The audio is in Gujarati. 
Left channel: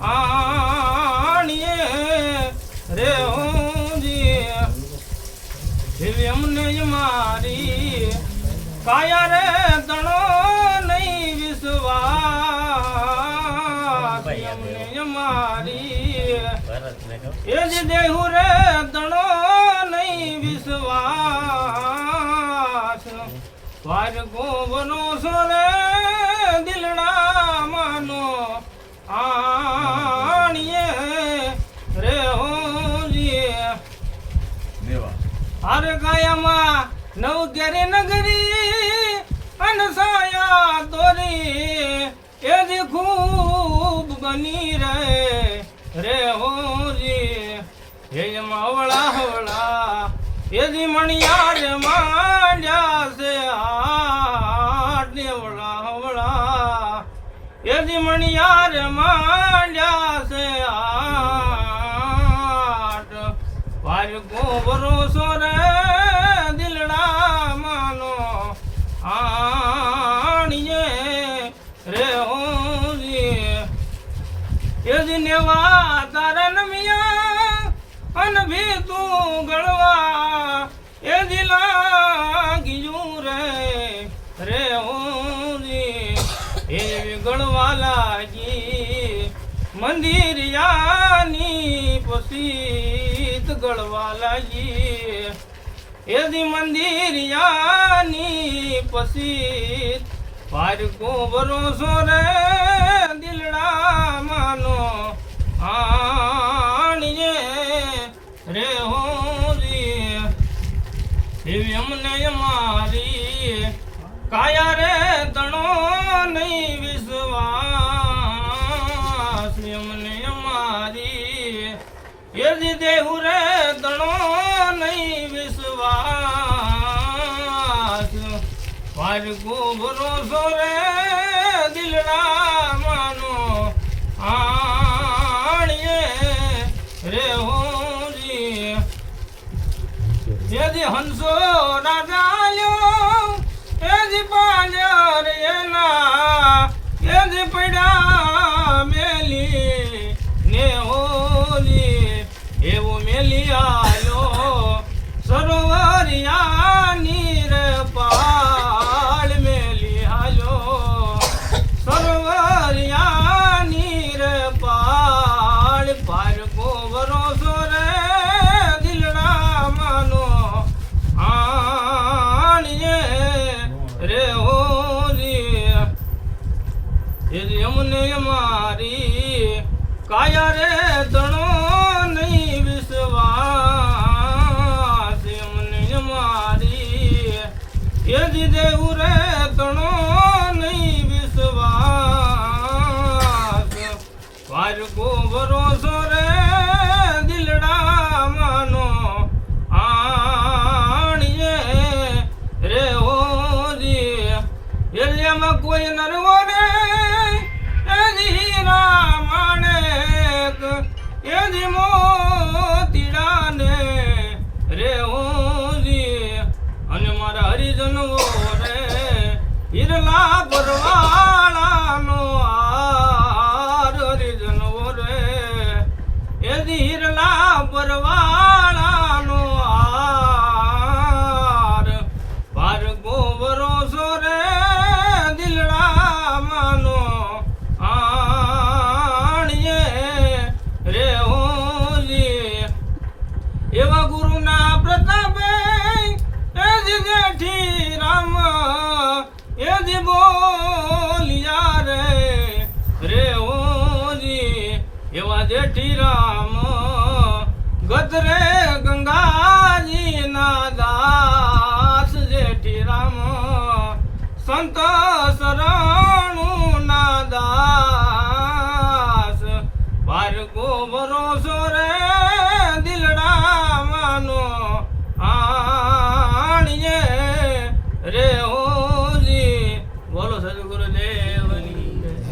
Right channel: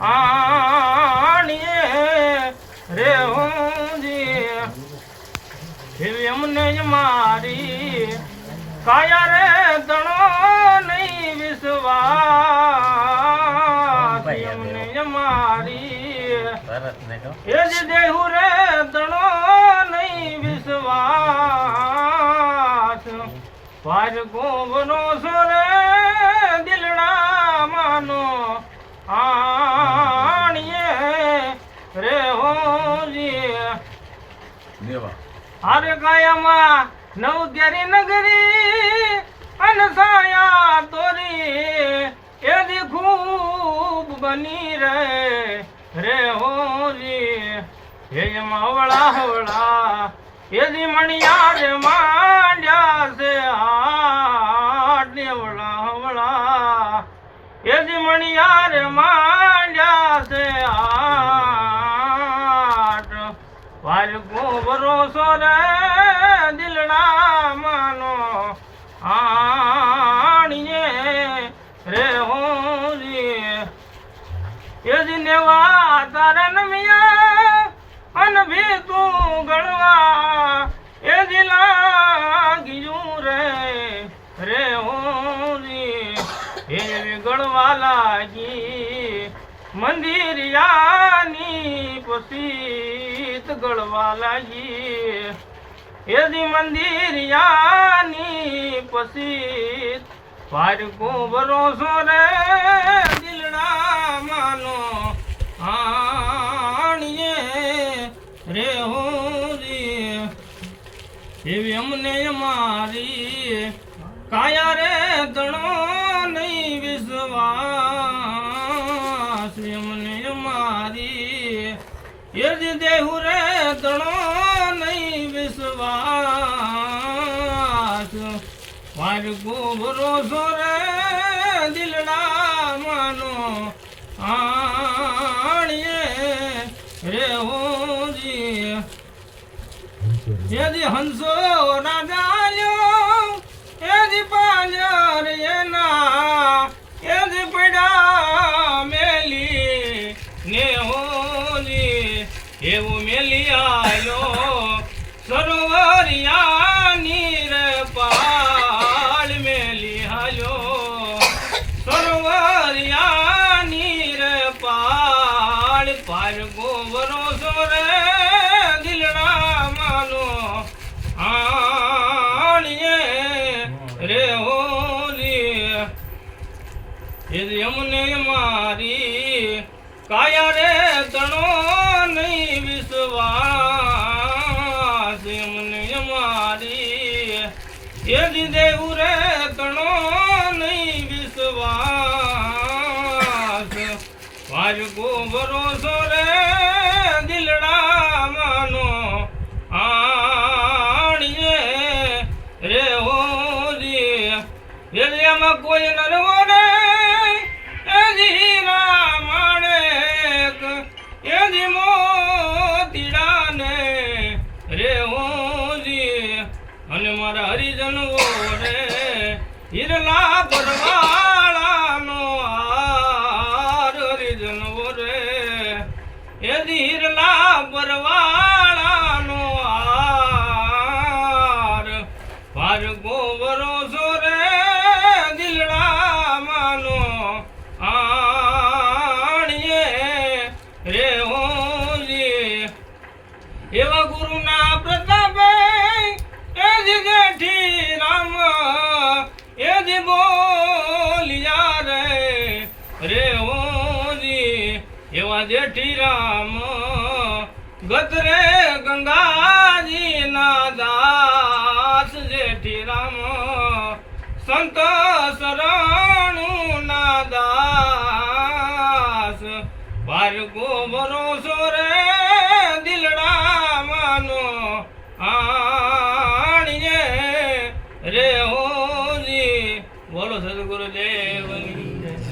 આણીએ રે હોજી એમને જ મારી કાયા રે તણો નહીં વિશ્વાસ એમને જ મારી એ જ દેહુ રે તણો નહીં વિશ્વાસ પાર ગોબનો સોરે દિલડા માનો આણીએ રે હોજી હર કાયામાં નવ કેરી નગરી અનસાયા તોરી એજી ખૂબ બની રે હોજી એમાં હવળા હવળા એજી મણિયાર માંડ્યા છે હાટ હવળા હવળા એજી મણિયાર માંડ્યા છે હાટ વાર ગોબરો રે દિલડા માનો આણીએ રે હોજી એજી નેવા તારન મિયા અન ભી તું ગણવા એજી લાગ્યું રે હોજી એવી ગણવા લાગી મંદિર યાની પસીત ગળવા લાગી એજી મંદિર યાની પસીત પાર ગોબરો રે દિલડા માનો આણીએ રે હોજી એવી અમને મારી કાયા રે તણો નહીં વિશ્વાસ અમને મારી એજી દેહુ રે તણો નહીં વિશ્વાસ વાર ગોબરો રે દિલડા માનો આણીએ રે હોજી એજી હંસો રાજાયો એજી પાંજર એના એજી પડા મેલી ને હોજી એવો મેલી આયો સરોવરિયાની રે પાડ મેલી હાલ્યો સરોવરિયાની રે પાડ પાર ગોબરો રે દિલડા માનો આણીએ રે હોજી એજી અમને મારી કાયા રે તણો નહીં વિશ્વાસ અમને મારી એજી દેવું રે તણો નહીં વિશ્વાસ વાર ગોબરો રે દિલડા માનો આણીએ રે હોજી એરિયામાં કોઈ નરવો રે એજી રામાણેક એજી મોતીડા ને રે હોજી અને મારા હરિજનો રે હિરલા પરવાળાનો હાર હરિજનો રે એજી હિરલા પરવાળાનો હાર પાર ગોબરો રે દિલડા માનો આણીએ રે હોજી એવા ગુરુના પ્રતાપે એજી જેઠી રામ એજી બોલિયા રે હોજી એવા જેઠી રામ ગતરે ગંગાજી ના દાસ જેઠી રામ સંત શરણુ ના દાસ પાર ગોબરો રે દિલડા માનો આણીએ રે હો